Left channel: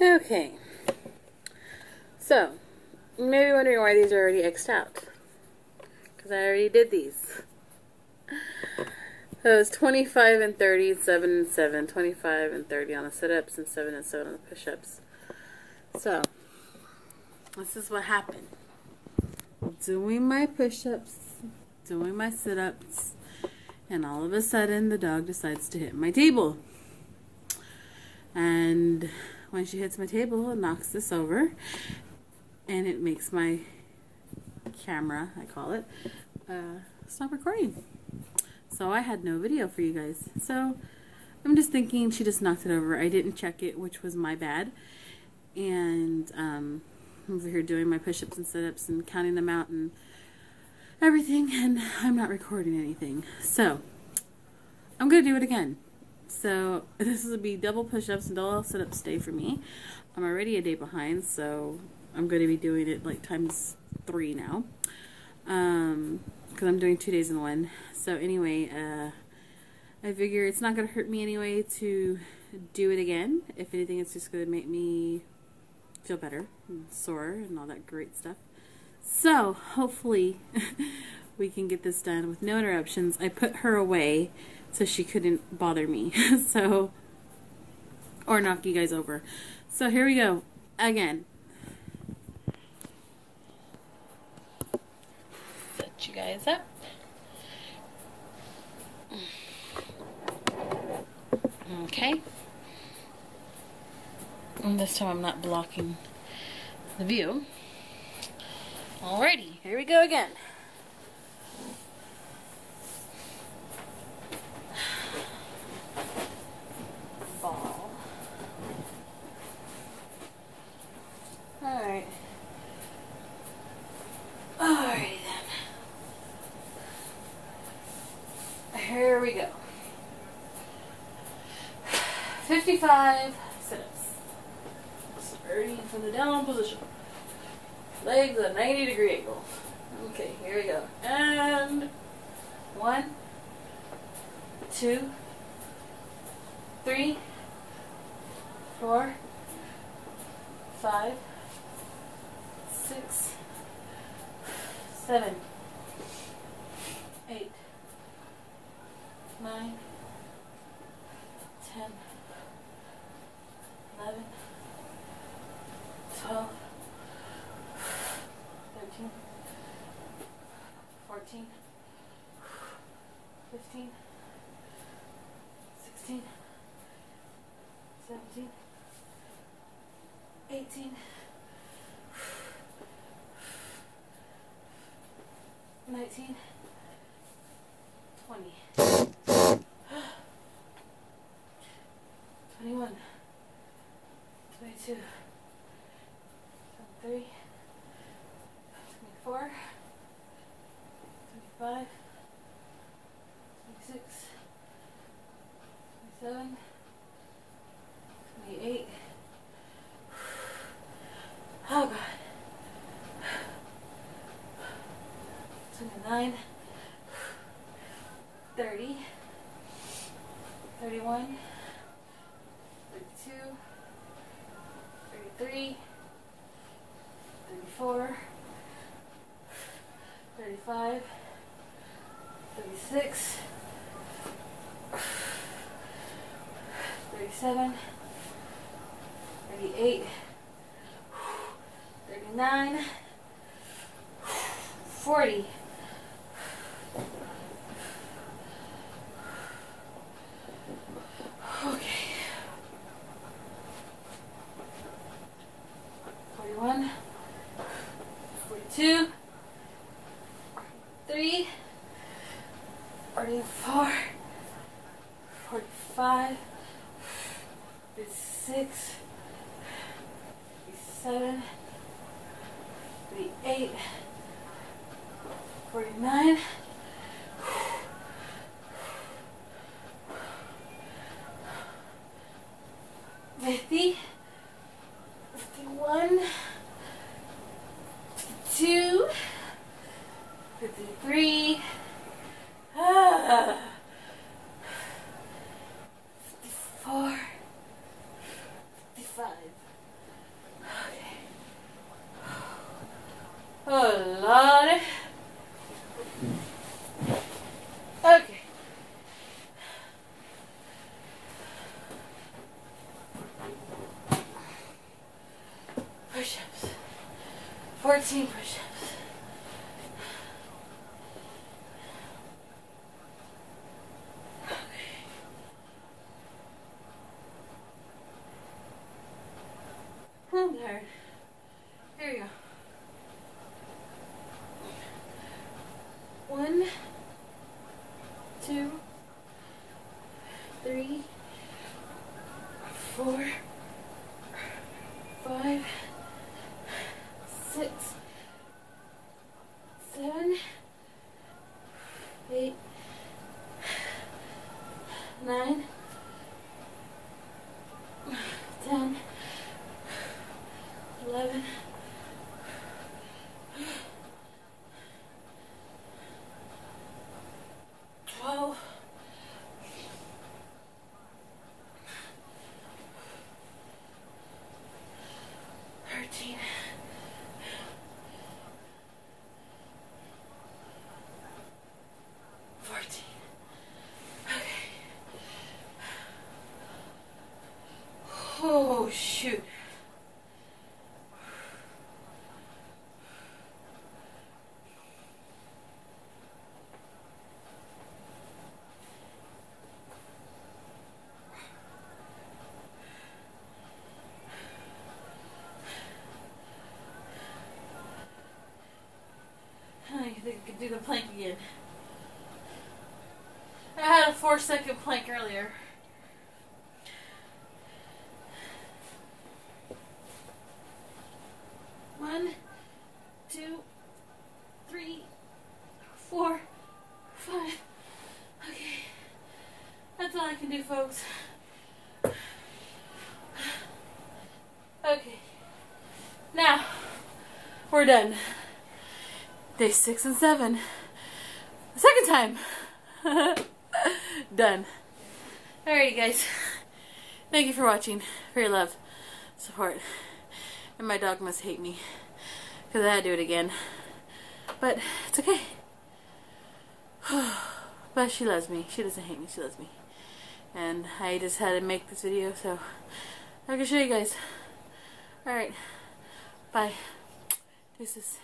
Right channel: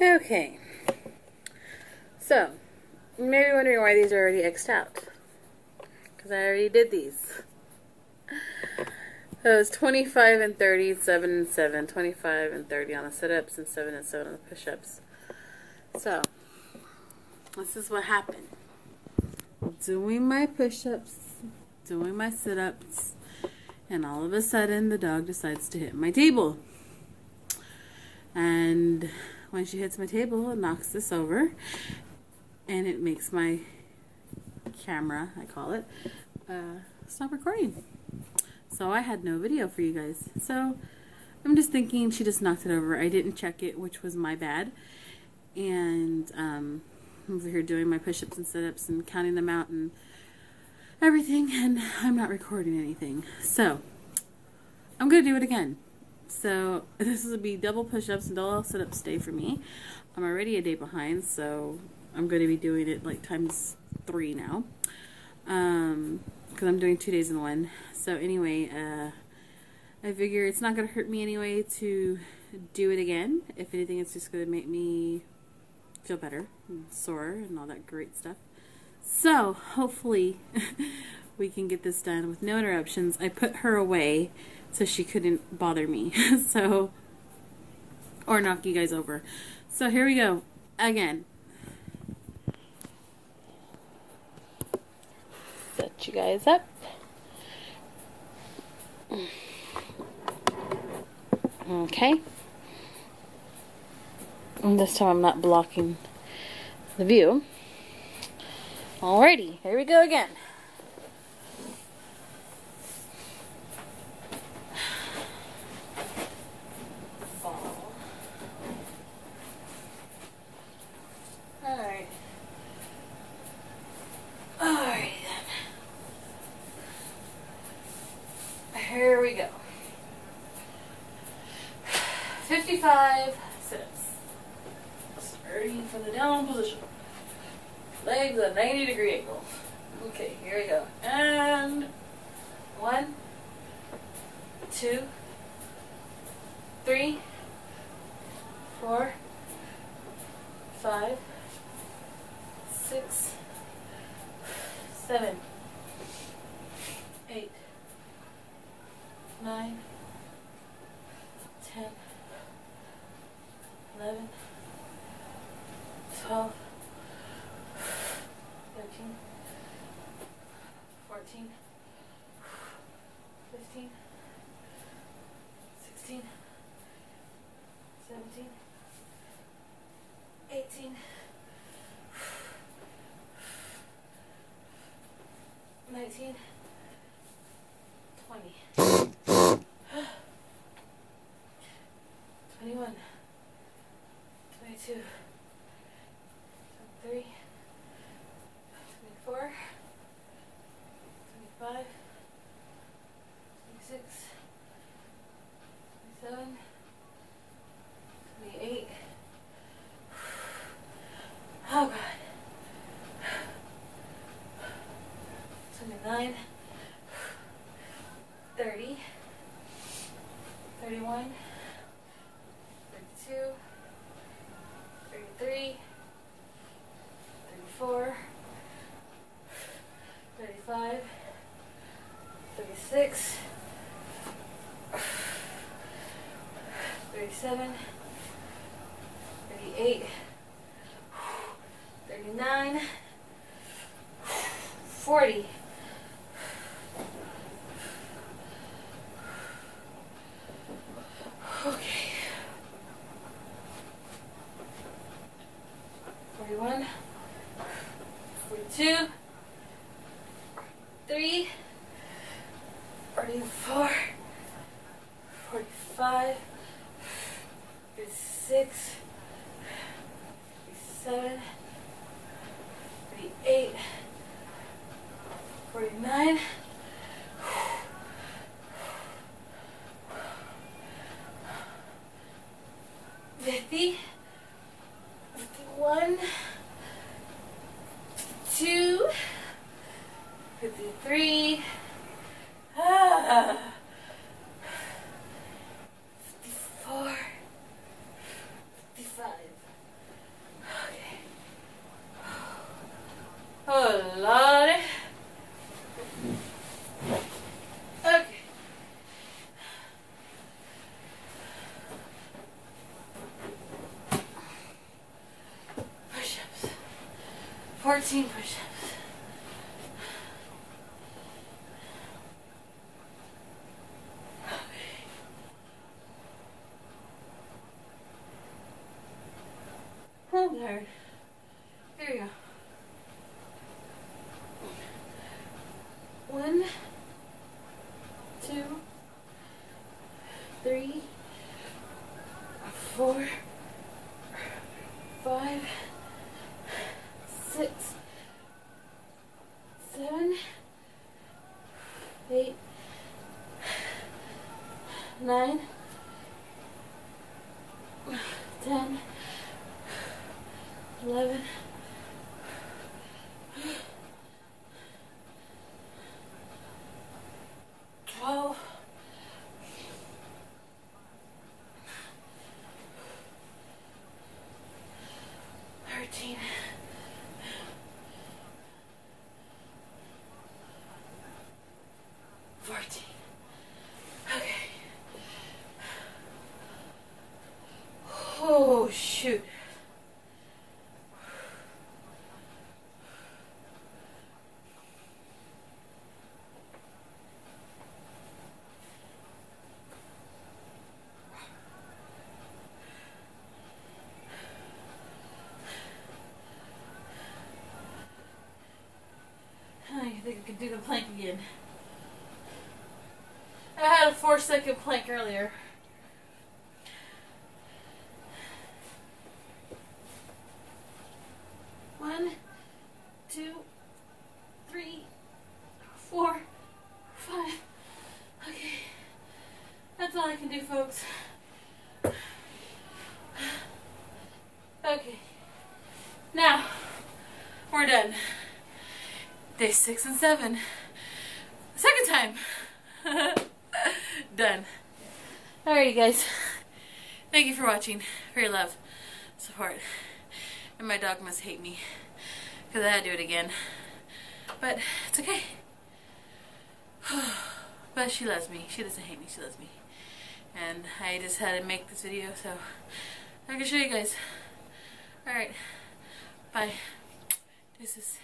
Okay, so you may be wondering why these are already X'd out. Because I already did these. So it was 25 and 30, 7 and 7, 25 and 30 on the sit-ups, and 7 and 7 on the push-ups. So, this is what happened. Doing my push-ups, doing my sit-ups, and all of a sudden the dog decides to hit my table. And when she hits my table, it knocks this over, and it makes my camera, I call it, stop recording. So I had no video for you guys. So I'm just thinking she just knocked it over. I didn't check it, which was my bad. And I'm over here doing my push-ups and sit-ups and counting them out and everything, and I'm not recording anything. So I'm going to do it again. So this will be double push-ups and double sit-ups day for me. I'm already a day behind, so I'm going to be doing it like times 3 now. Because I'm doing 2 days in one. So anyway, I figure it's not going to hurt me anyway to do it again. If anything, it's just going to make me feel better and sore and all that great stuff. So hopefully we can get this done with no interruptions. I put her away so she couldn't bother me. So, or knock you guys over. So here we go again. Set you guys up. Okay. And this time I'm not blocking the view. Alrighty, here we go again. Ball. Alright. Alright then. Here we go. 55 sit-ups. Starting from the down position. Legs at 90-degree angles. Okay, here we go. And 1, 2, 3, 4, 5, 6, 7, 8, 9, 10, 11, 12, 13, 14, 15, 16, 17, 18, 19, 20, 21, 22, 23, 24, 25, 26, 27, 28, oh god, 29, 30, 31, 32, 33, 34, 35, 36, 37, 38, 39, 40, 41, 42, 43, 44, 45, 46, 47, 48, 49, 50, 51, 52, 53, 54, 55, Oh, Lord. Okay. Push-ups. 14 push-ups. I'm tired. Here we go. 1, 2, 3, 4, 5, 6, 7, 8, 9, 10, 11, 12, 13, 14. Okay. Oh, shoot. I think I could do the plank again. I had a 4-second plank earlier. One, 2, 3, 4, 5. Okay. That's all I can do, folks. Okay. Now, we're done. Day 6 and 7. The second time. Done. Alright, guys. Thank you for watching. For your love, support. And my dog must hate me because I had to do it again. But it's okay. But she loves me. She doesn't hate me. She loves me. And I just had to make this video so I can show you guys. Alright. Bye. Deuces.